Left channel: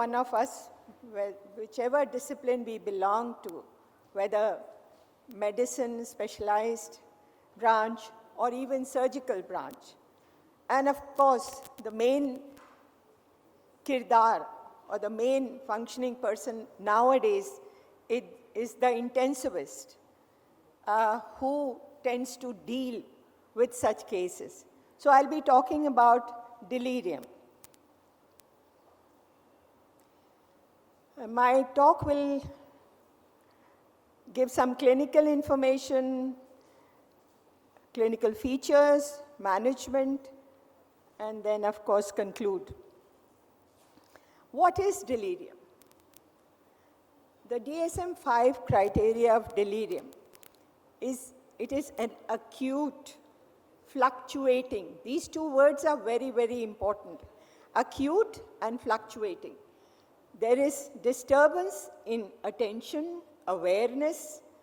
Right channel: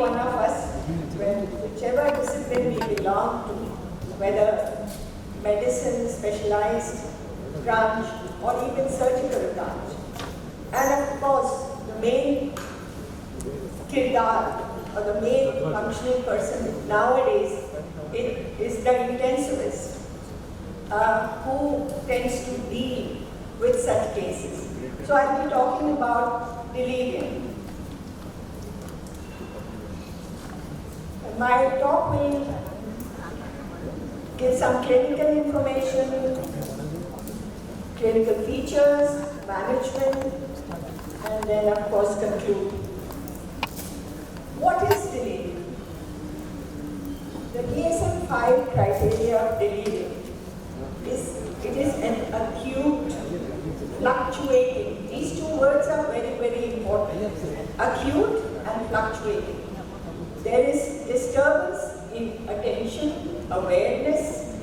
one of us, whichever discipline we belong to, whether medicine, specialized branch, or even surgical branch. And of course, the main kirdar, or the main functioning person nowadays is the intensivist, who tends to deal with such cases. So I'll be talking about delirium. My talk will give some clinical information, clinical features, management, and then of course conclude. What is delirium? The DSM-5 criteria of delirium is an acute, fluctuating. These two words are very, very important. Acute and fluctuating. There is disturbance in attention, awareness,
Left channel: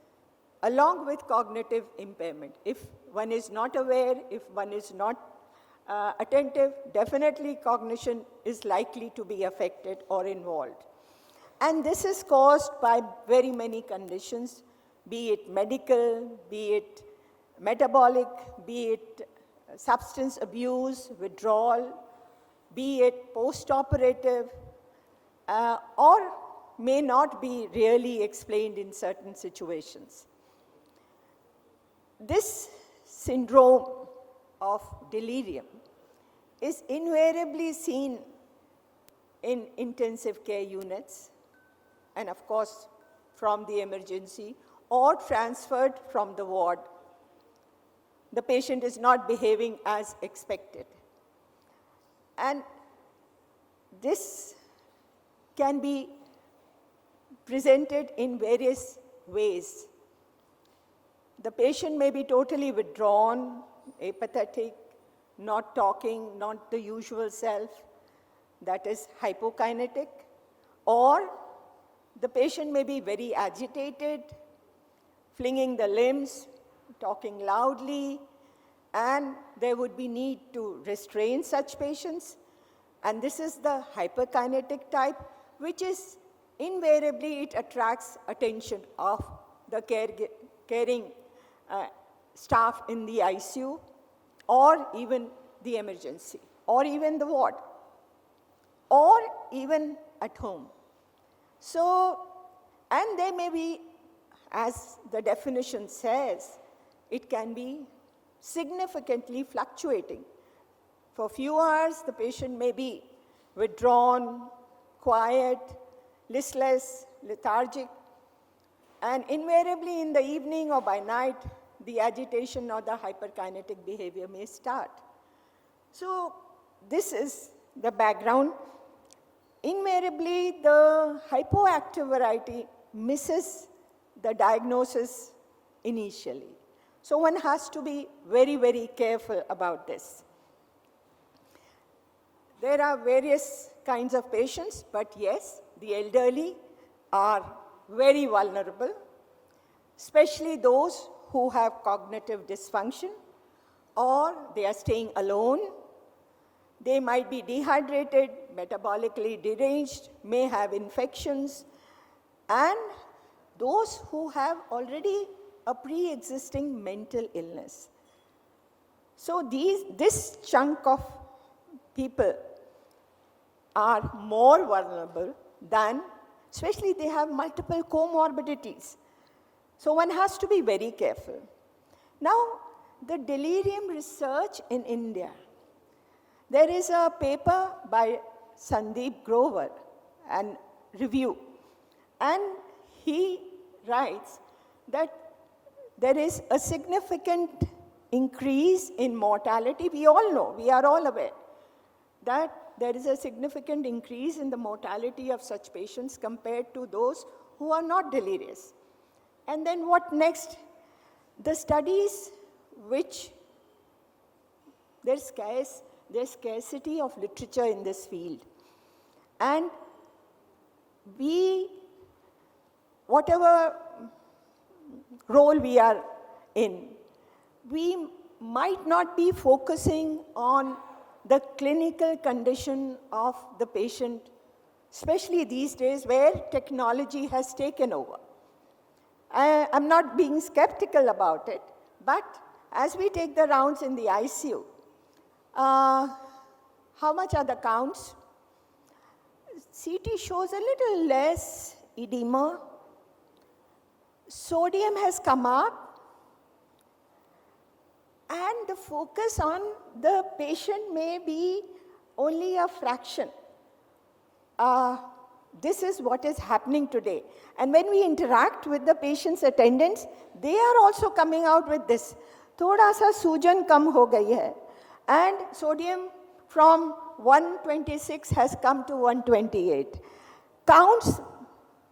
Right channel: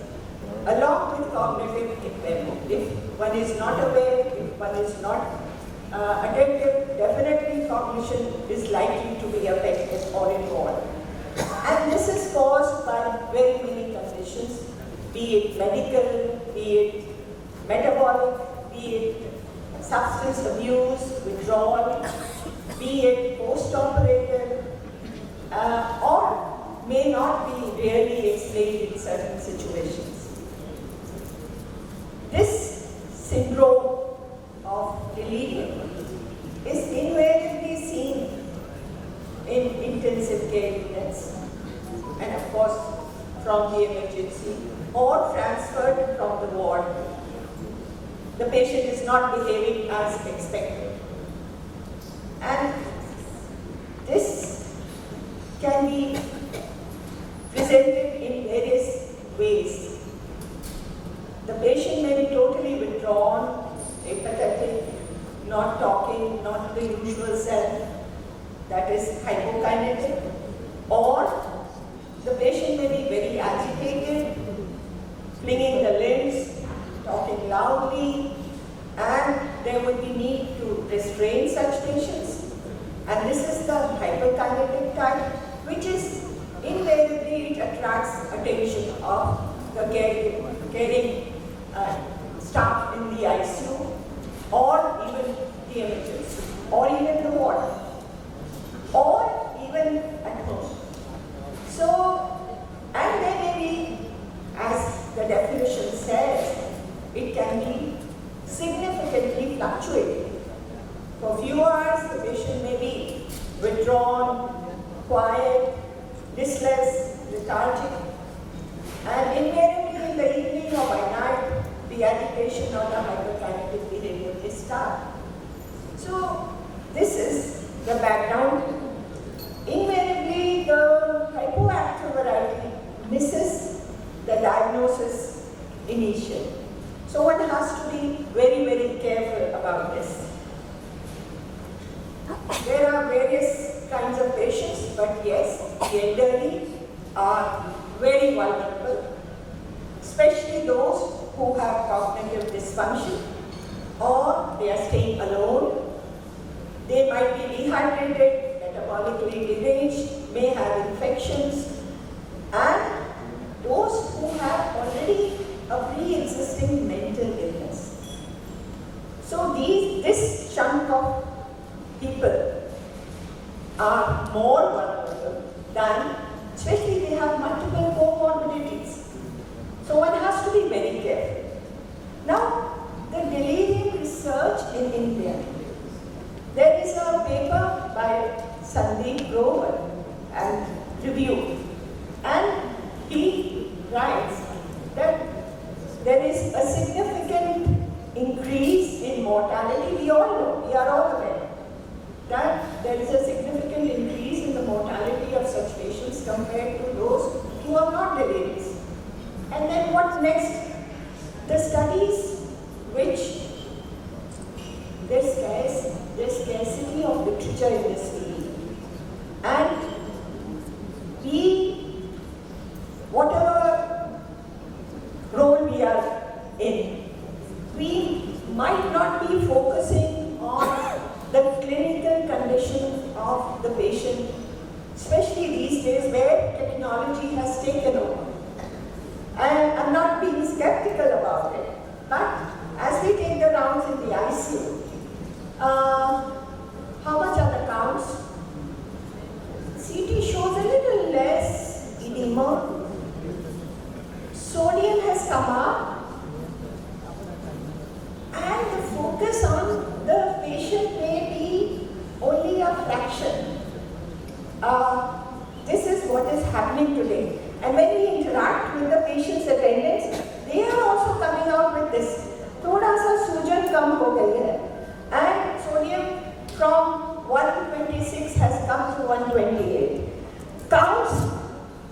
along with cognitive impairment. If one is not aware, if one is not attentive, definitely cognition is likely to be affected or involved. And this is caused by very many conditions, be it medical, be it metabolic, be it substance abuse, withdrawal, be it post-operative, or may not be really explained in certain situations. This syndrome of delirium is invariably seen in intensive care units and of course from the emergency or transferred from the ward. The patient is not behaving as expected. And this can be presented in various ways. The patient may be totally withdrawn, apathetic, not talking, not the usual self, that is hypokinetic, or the patient may be very agitated, flinging the limbs, talking loudly, and there would be need to restrain such patients. And this is the hyperkinetic type, which is invariably it attracts attention of the caring staff in the ICU, or even the emergency, or even the ward, or even at home. So, and there may be, as the definition says, it can be significantly fluctuating. For a few hours, the patient may be withdrawn, quiet, listless, lethargic, and invariably in the evening or by night, the agitation of the hyperkinetic behavior is start. So, this is the background. Invariably, the hypoactive variety misses the diagnosis initially. So one has to be very, very careful about this. There are various kinds of patients, but yes, the elderly are very vulnerable, especially those who have cognitive dysfunction, or they are staying alone. They might be dehydrated, metabolically deranged, may have infections, and those who have already a pre-existing mental illness. So this chunk of people are more vulnerable than, especially they have multiple comorbidities. So one has to be very careful. Now, the delirium research in India. There is a paper by Sandeep Grover and review, and he writes that there is a significant increase in mortality. We all know, we are all aware that there is a significant increase in the mortality of such patients compared to those who are not delirious. And then what next? The studies which there's scarcity of literature in this field. And he technology has taken over. And I'm not being skeptical about it, but as we take the rounds in the ICU, how much are the counts? CT shows a little less edema. Sodium has come up, and the focus on the patient may be only a fraction. This is what is happening today. And when we interact with the patient's attendants, they are also coming out with this. थोड़ा सा सूजन कम हो गई है, and sodium from 126 has come to 128. Counts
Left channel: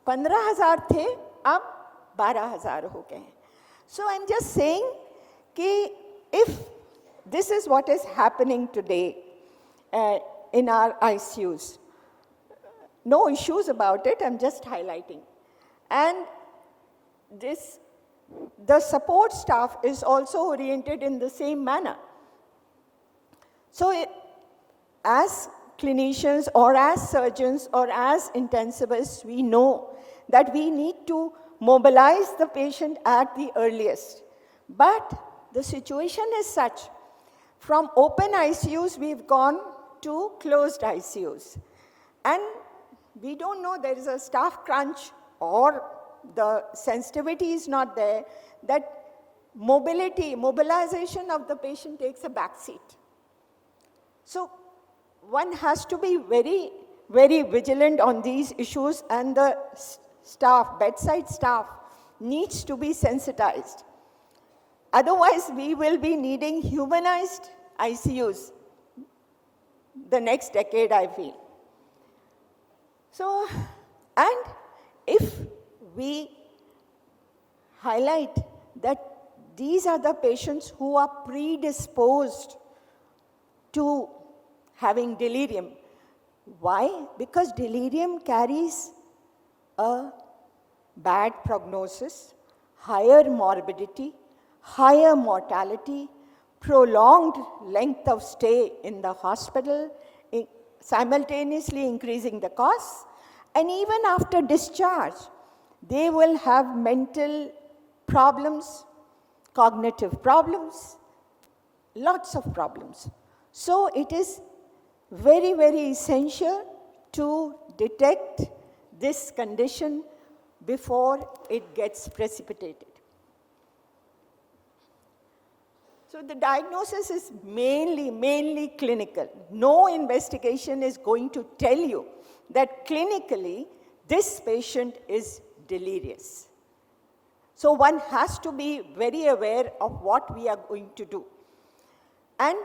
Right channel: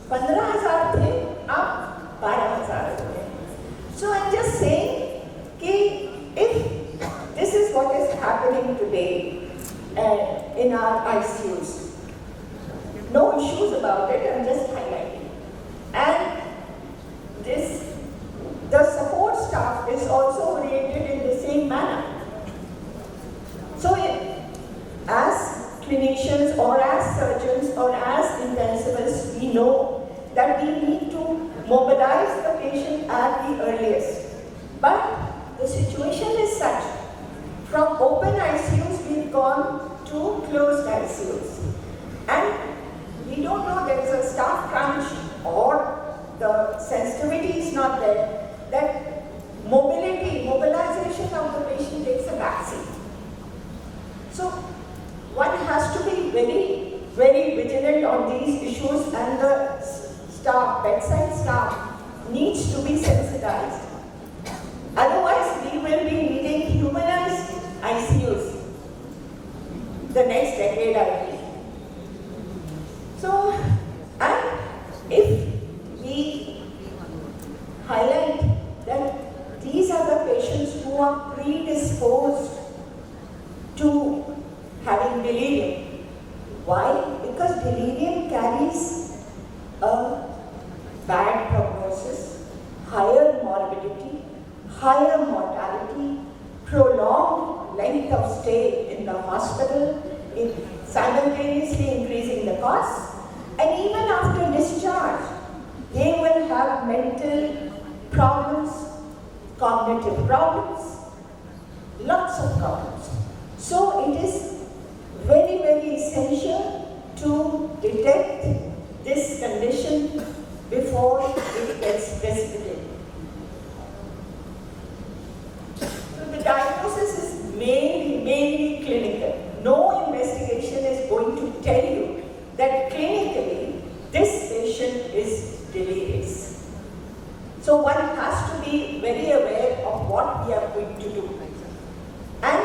15,000 थे, अब 12,000 हो गए. So I'm just saying कि if this is what is happening today in our ICUs, no issues about it, I'm just highlighting. And the support staff is also oriented in the same manner. So as clinicians or as surgeons or as intensivists, we know that we need to mobilize the patient at the earliest. But the situation is such, from open ICUs we've gone to closed ICUs. And we don't know there is a staff crunch or the sensitivity is not there, that mobilization of the patient takes a backseat. So one has to be very, very vigilant on these issues, and the staff, bedside staff, needs to be sensitized. Otherwise, we will be needing humanized ICUs the next decade, I believe. So, and if we highlight that these are the patients who are predisposed to having delirium. Why? Because delirium carries a bad prognosis, higher morbidity, higher mortality, prolonged length of stay in the hospital, simultaneously increasing the costs, and even after discharge, they will have mental problems, cognitive problems, lots of problems. So it is very, very essential to detect this condition before it gets precipitated. So the diagnosis is mainly clinical. No investigation is going to tell you that clinically this patient is delirious. So one has to be very aware of what we are going to do. And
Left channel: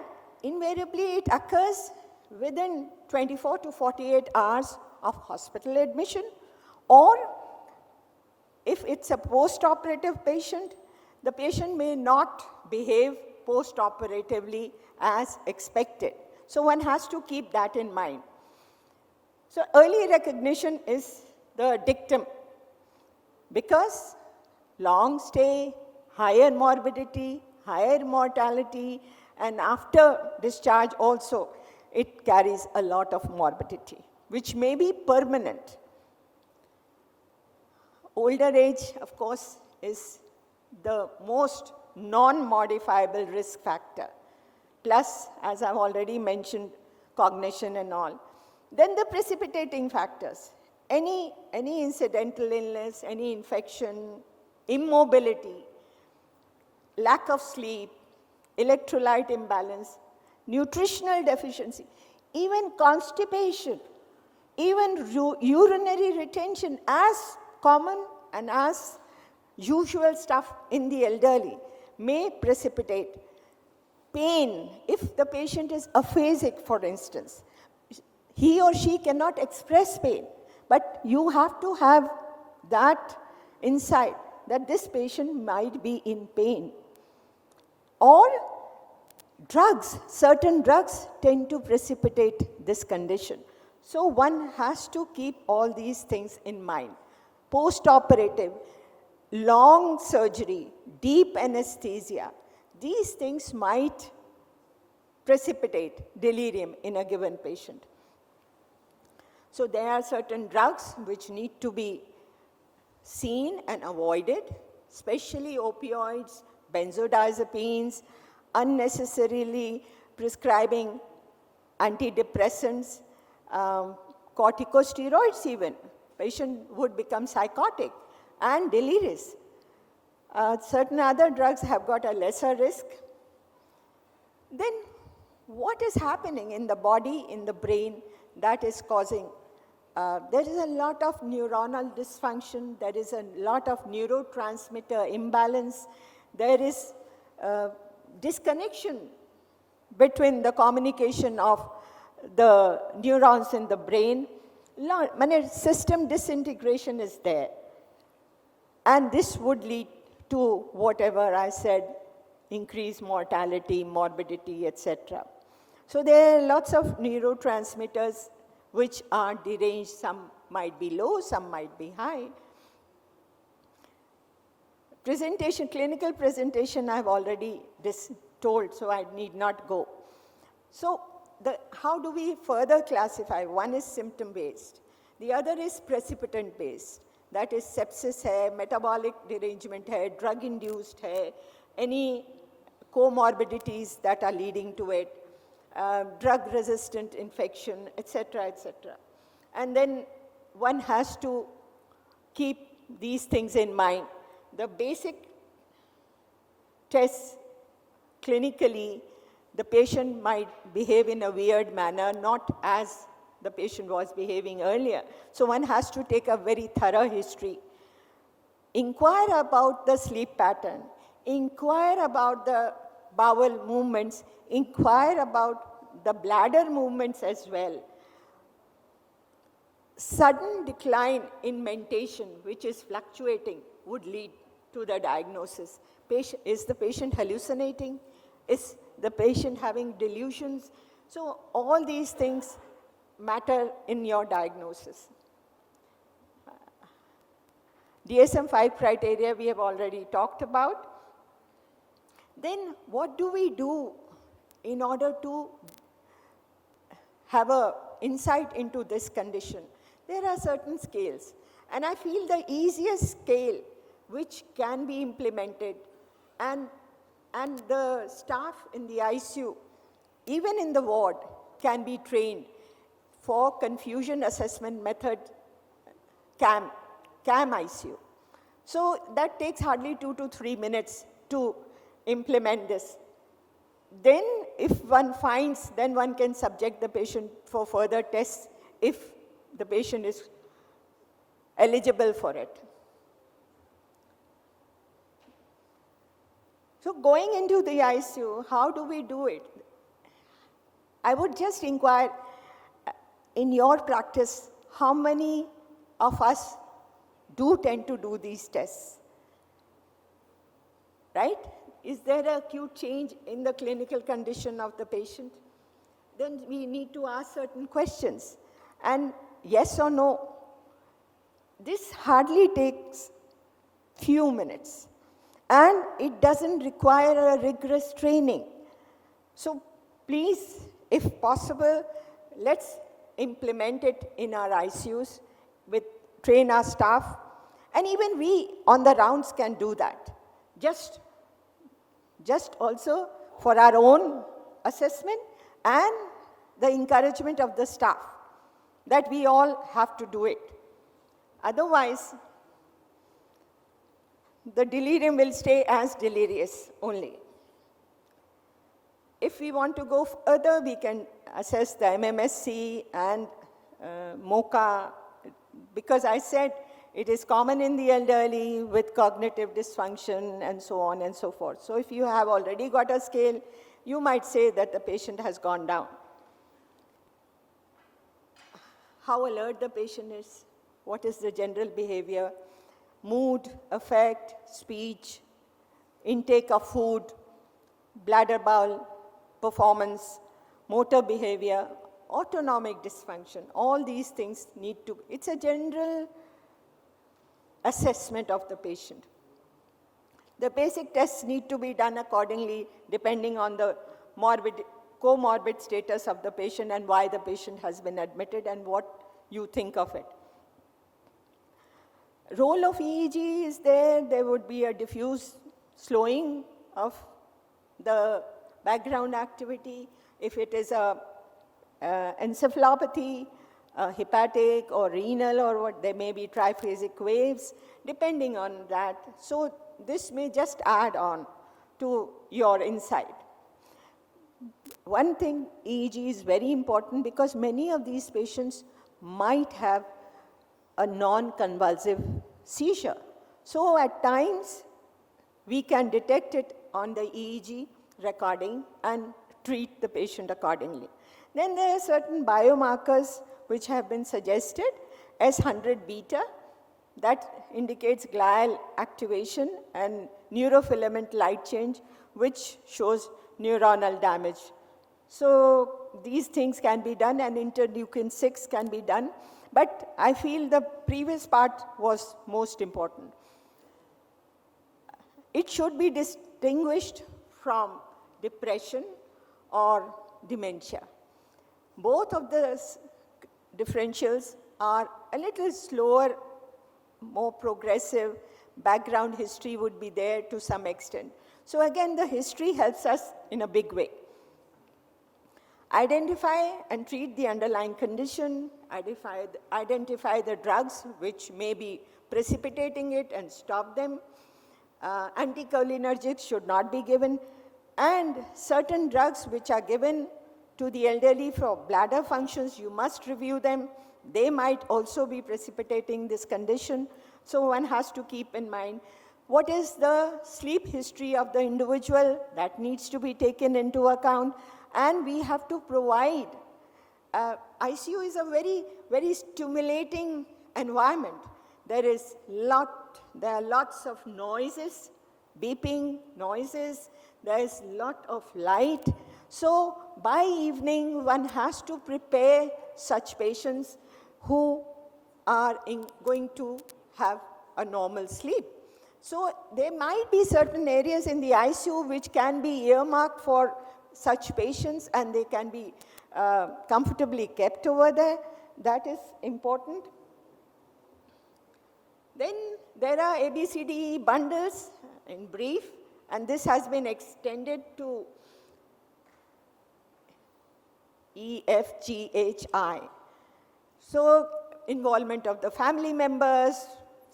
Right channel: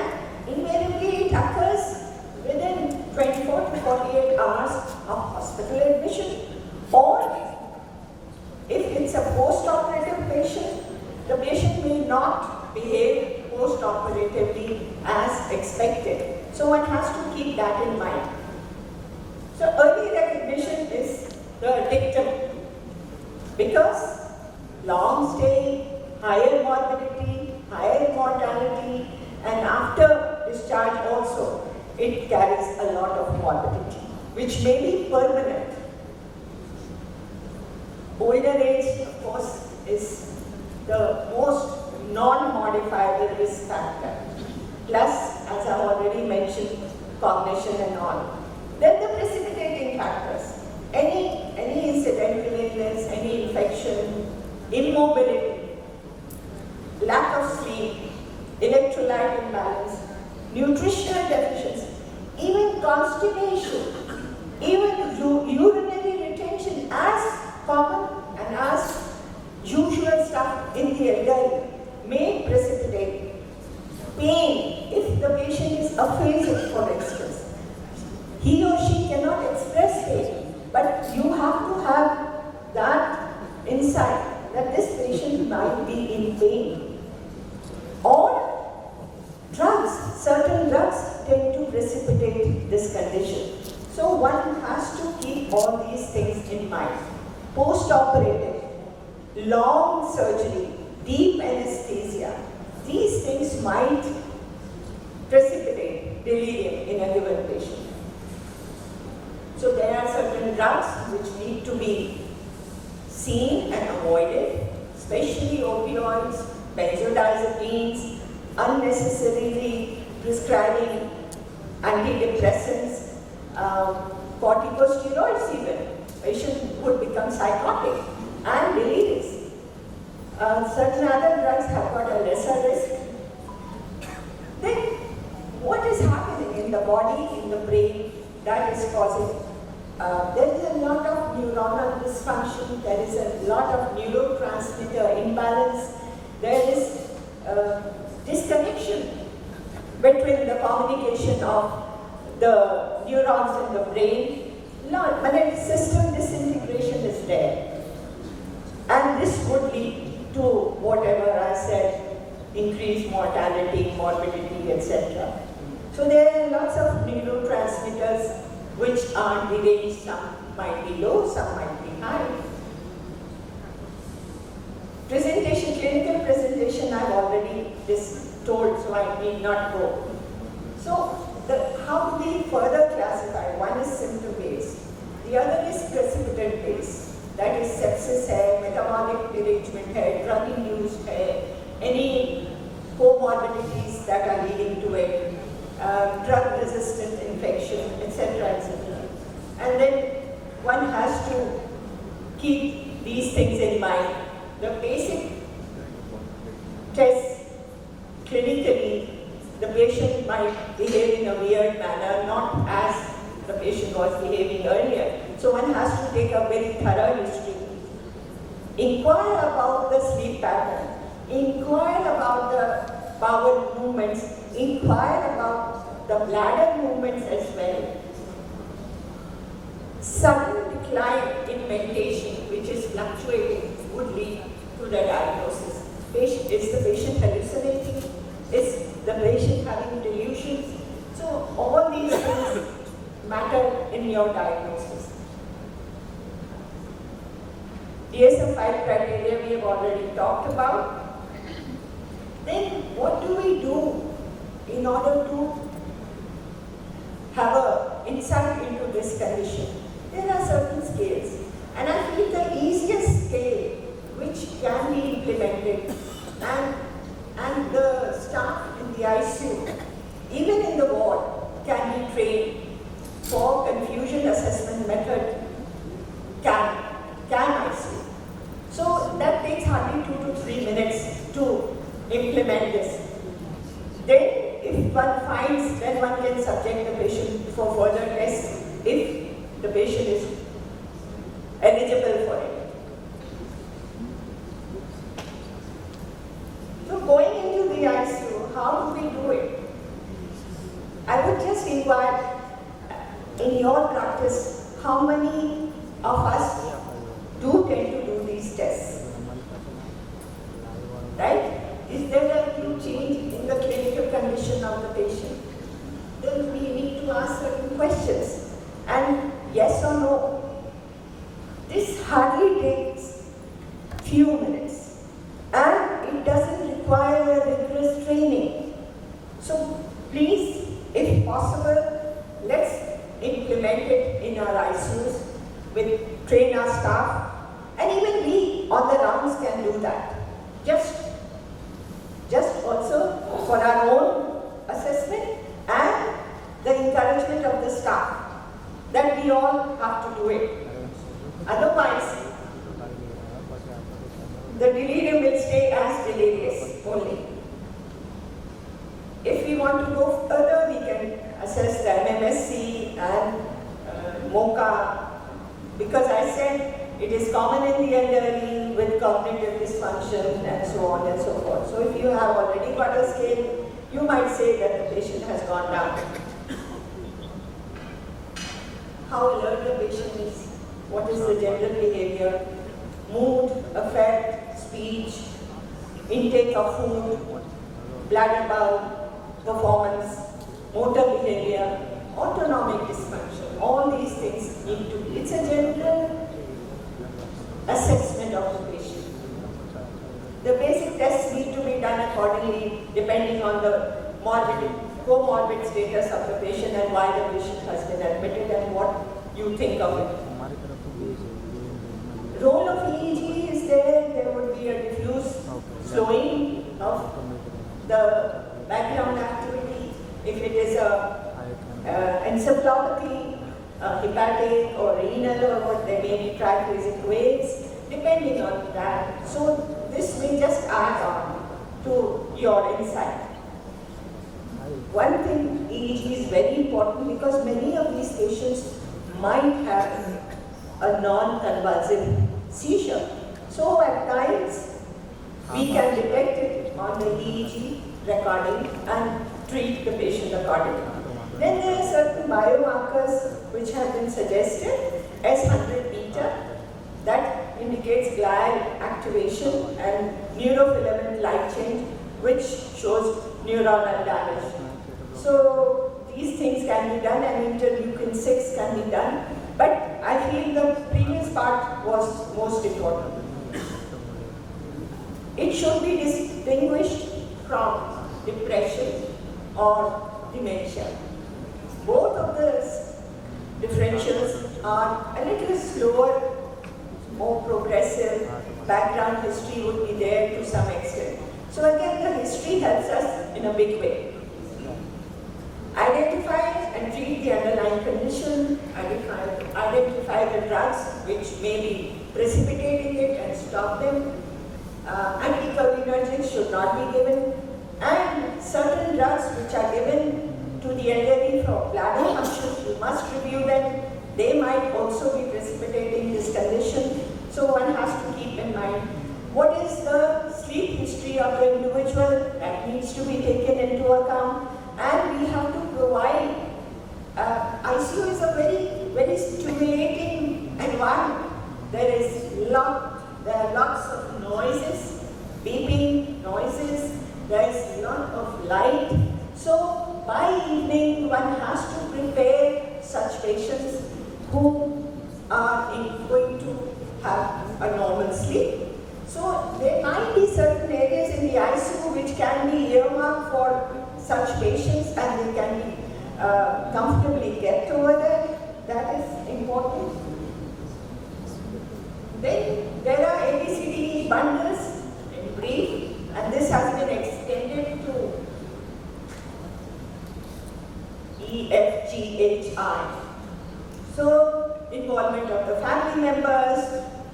invariably it occurs within 24 to 48 hours of hospital admission. Or if it's a post-operative patient, the patient may not behave post-operatively as expected. So one has to keep that in mind. So early recognition is the dictum, because long stay, higher morbidity, higher mortality, and after discharge also, it carries a lot of morbidity, which may be permanent. Older age, of course, is the most non-modifiable risk factor. Plus, as I already mentioned, cognition and all. Then the precipitating factors. Any incidental illness, any infection, immobility, lack of sleep, electrolyte imbalance, nutritional deficiency, even constipation, even urinary retention, as common and as usual stuff in the elderly, may precipitate pain. If the patient is aphasic, for instance, he or she cannot express pain, but you have to have that insight that this patient might be in pain. Or drugs, certain drugs tend to precipitate this condition. So one has to keep all these things in mind. Post-operative, long surgery, deep anesthesia, these things might precipitate delirium in a given patient. So there are certain drugs which need to be seen and avoided, especially opioids, benzodiazepines, unnecessarily prescribing antidepressants, corticosteroids even. Patient would become psychotic and delirious. Certain other drugs have got a lesser risk. Then what is happening in the body, in the brain, that is causing? There is a lot of neuronal dysfunction, there is a lot of neurotransmitter imbalance, there is disconnection between the communication of the neurons in the brain. When system disintegration is there, and this would lead to whatever I said, increased mortality, morbidity, etc. So there are lots of neurotransmitters which are deranged. Some might be low, some might be high. Presentation, clinical presentation, I've already told, so I need not go. So how do we further classify? One is symptom-based, the other is precipitant-based. That is sepsis hai, metabolic derangement hai, drug-induced hai, any comorbidities that are leading to it, drug-resistant infection, etc., etc. And then one has to keep these things in mind. The basic tests, clinically, the patient might behave in a weird manner, not as the patient was behaving earlier. So one has to take a very thorough history. Inquire about the sleep pattern, inquire about the bowel movements, inquire about the bladder movements as well. Sudden decline in meditation, which is fluctuating, would lead to the diagnosis. Is the patient hallucinating? Is the patient having delusions? So all these things matter in your diagnosis. DSM-5 criteria we have already talked about. Then what do we do in order to have an insight into this condition? There are certain scales, and I feel the easiest scale which can be implemented, and the staff in the ICU, even in the ward, can be trained for confusion assessment method, can ICU. So that takes hardly 2 to 3 minutes to implement this. Then if one finds, then one can subject the patient for further tests if the patient is eligible for it. So going into the ICU, how do we do it? I would just inquire, in your practice, how many of us do tend to do these tests? Right? Is there a new change in the clinical condition of the patient? Then we need to ask certain questions. And yes or no? This hardly takes few minutes. And it doesn't require a rigorous training. So please, if possible, let's implement it in our ICUs with train our staff. And even we on the rounds can do that. Just also for our own assessment and the encouragement of the staff that we all have to do it. Otherwise, the delirium will stay as delirious only. If we want to go further, we can assess the MMSC and MOCA, because I said it is common in the elderly with cognitive dysfunction and so on and so forth. So if you have already got a scale, you might say that the patient has gone down. How alert the patient is, what is the general behavior, mood, affect, speech, intake of food, bladder bowel, performance, motor behavior, autonomic dysfunction. All these things need to be, it's a general assessment of the patient. The basic tests need to be done accordingly depending on the comorbid status of the patient and why the patient has been admitted and what you think of it. Role of EEG be a diffuse slowing of the background activity. If it is a encephalopathy, hepatic or renal, or what, there may be triphasic waves, depending on that. So this will just add on to your insight. One thing is very important, because many of these patients might have a non-convulsive seizure. So at times we can detect it on the EEG recording and treat the patient accordingly. Then there are certain biomarkers which have been suggested, S100 beta, that indicates glial activation, and neurofilament light change, which shows neuronal damage. So these things can be done, and interleukin 6 can be done, but I feel the previous part was most important. It should be distinguished from depression or dementia. Both of those differentials are a little slower, more progressive. Background history would be there to some extent. So again, the history helps us in a big way. Identify and treat the underlying condition, identify the drugs which may be precipitating it and stop them. Anticholinergics should not be given, and certain drugs which are given to the elderly for bladder functions, you must review them. They might also be precipitating this condition, so one has to keep in mind what is the sleep history of the individual that needs to be taken into account, and we have to provide. ICU is a very stimulating environment. There are lots of noises, beeping noises, there is a lot of light. So by evening one has to prepare such patients who are going to have a normal sleep. So there might be certain areas in the ICU which can be earmarked for such patients, and they can be comfortably kept over there. That is important. Then there are ABCD bundles in brief, and this has been extended to EFGHI. So involvement of the family members,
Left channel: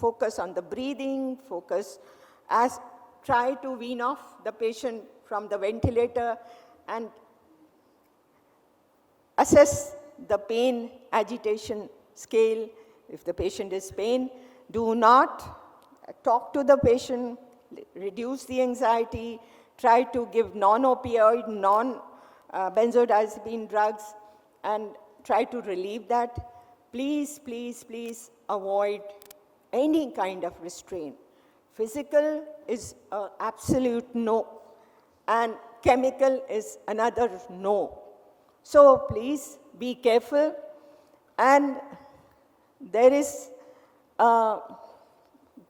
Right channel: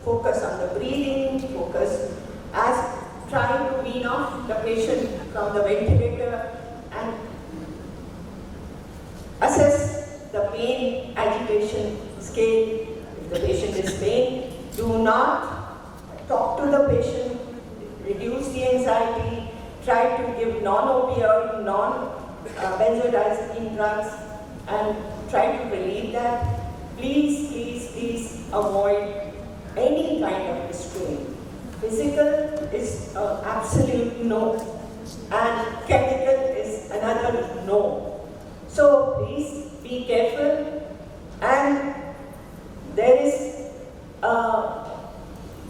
focus on the breathing, focus as trying to wean off the patient from the ventilator, and assess the pain agitation scale. If the patient is pain, do not talk to the patient, reduce the anxiety, try to give non-opioid, non-benzodiazepine drugs, and try to relieve that. Please avoid any kind of restraint. Physical is an absolute no, and chemical is another no. So please be careful, and there is a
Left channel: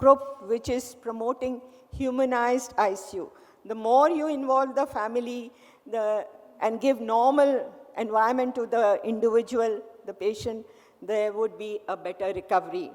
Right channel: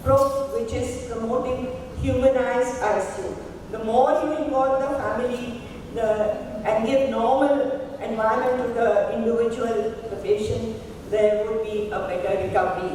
group which is promoting humanized ICU. The more you involve the family and give normal environment to the individual, the patient, there would be a better recovery.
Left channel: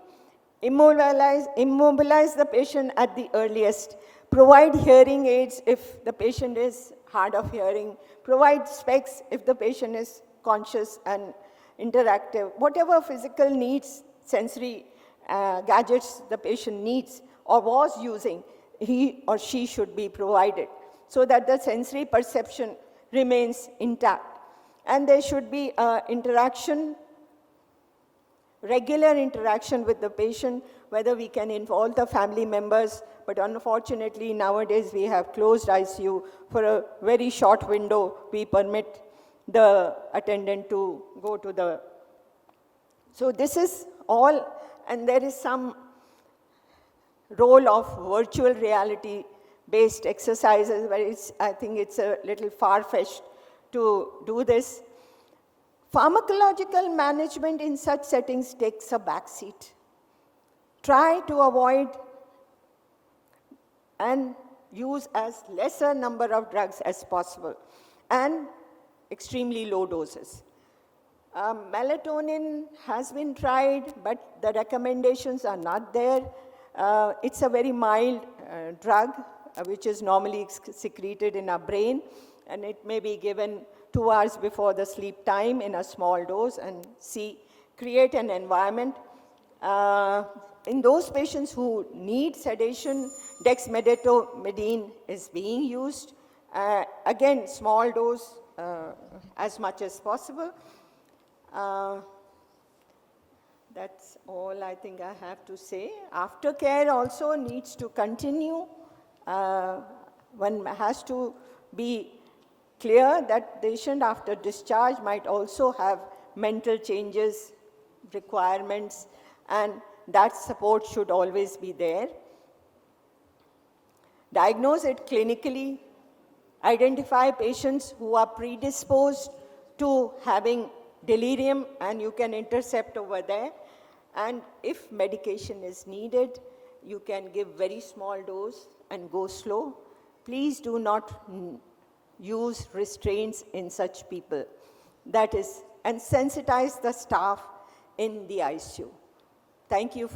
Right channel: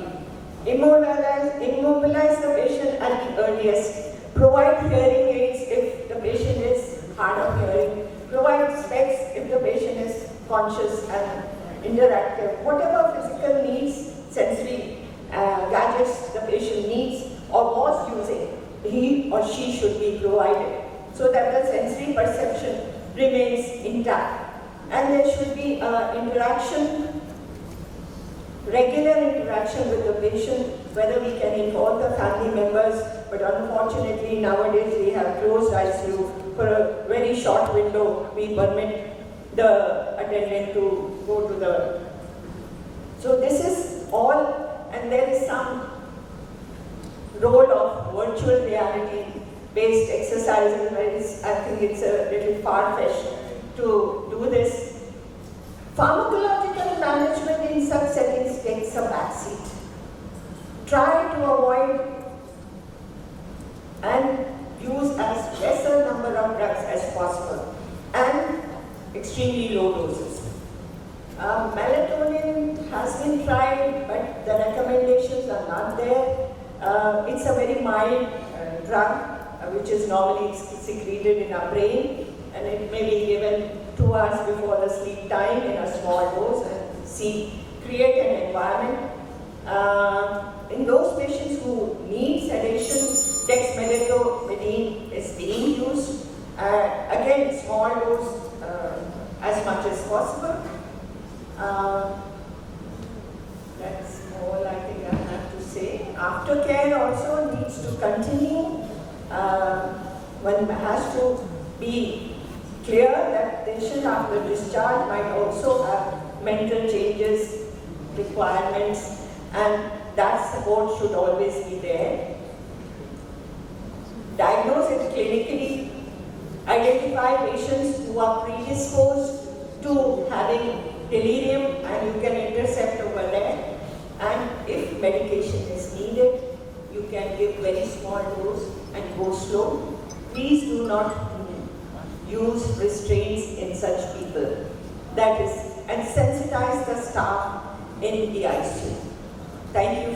Immobilize the patient at the earliest. Provide hearing aids if the patient is hard of hearing. Provide specs if the patient is conscious and interactive. Whatever physical needs, sensory gadgets the patient needs or was using, he or she should be provided, so that the sensory perception remains intact. And there should be regular interaction with the patient, whether we can involve the family members, but unfortunately nowadays we have closed ICU. For a very short window, we permit the attendant to go to the... So this is all, and there is some role of virtual reality based exercises. I think it's a little far-fetched to do this. Pharmacological management in such settings takes a backseat. Try to avoid and use as lesser number of drugs as possible, and extremely low doses. Melatonin has been tried, but the recommendations are not there. It's a very mild drug which is normally secreted in our brain, and it may be given 2 hours before the sleep time in a small dose and create an environment. In those patients who need sedation, dexmedetomidine is being used. Again, small dose as much as possible. That's all I think I have to say. Aftercare also needs to continue. One has to be clear that patient after discharge might also have mental changes, requirements, and that support should always be there. Diagnose it clinically. Identify patients who are predisposed to having delirium, and you can intercept over there. And if medication is needed, you can give very small dose and go slow. Please do not use restraints in such people. That is, and sensitize the staff in the ICU. Thank you.